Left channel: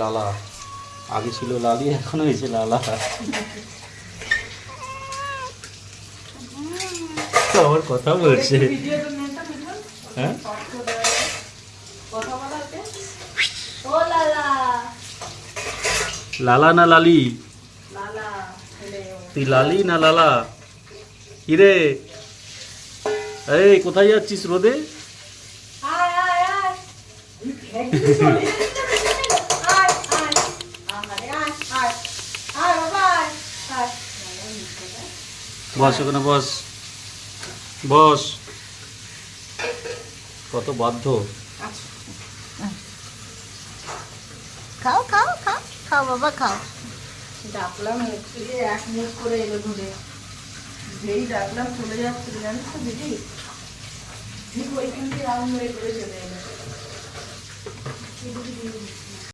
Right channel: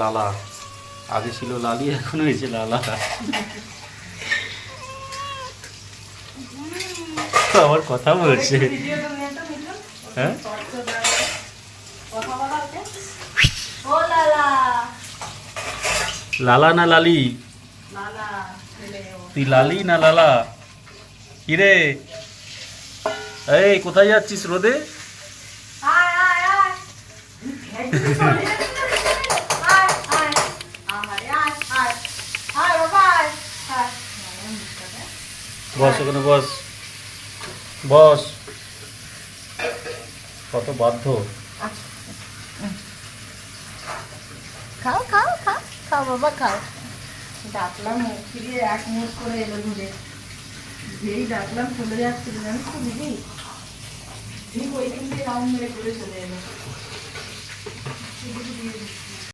লালা আগে ছিল লালি, এখন হয়েছে লালা। আমার কথা বলছে। হ্যাঁ লালা না লালি? তুই লালি না লালা? কিরে এই কোথায় যাচ্ছিস রোদে? বস ওখানে বস, বস। কত বাধ্য। খাও খাও খাও খাও বাবা খাও। ডাকলাম মুখ থেকে এক মুখ করে এলো ধরে, যেই ডাকলাম চলে যাচ্ছে জানিস তো দিদি, ঠিক ওইখান দিয়ে রাউন্ড মেরে করে চলে এলো।